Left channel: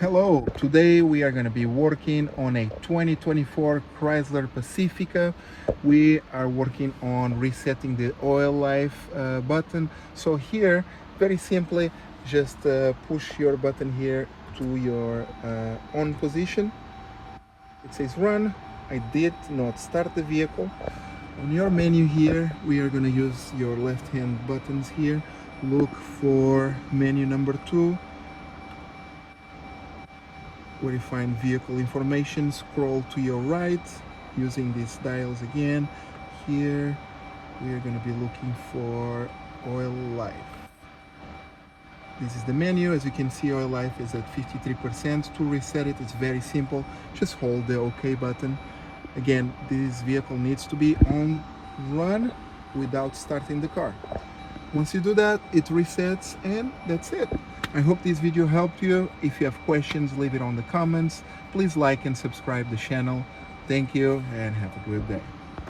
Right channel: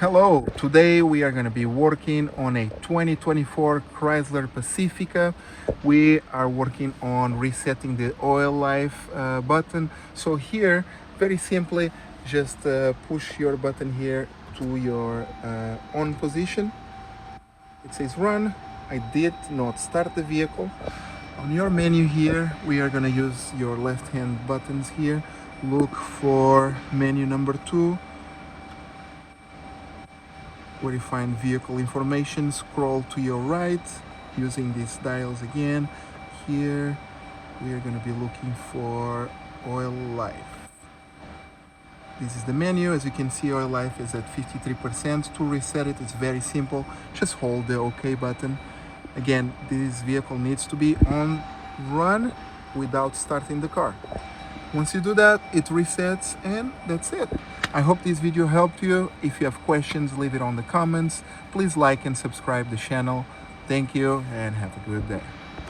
Hello, today we are going to be working on a 2024 Chrysler Pacifica. We are working on resetting the oil life button. So here, very simply, just push your button here to your on position. It says run. I did not start the vehicle. On your menu here, we are going to use your left hand buttons here. Look for menu number 2. Where you find vehicle information, scroll to your right using these dials again. Here we are going to be looking for oil life. This is the menu. As you can see, oil life is at 53%. To reset it, it's very simple. Just hold the OK button. Again, this vehicle needs to be on run without starting the car. Once you do that, it resets, and that's it. I hope this video helped you. If you have questions, leave it on the comments. Please like and subscribe the channel. Thank you and have a good day.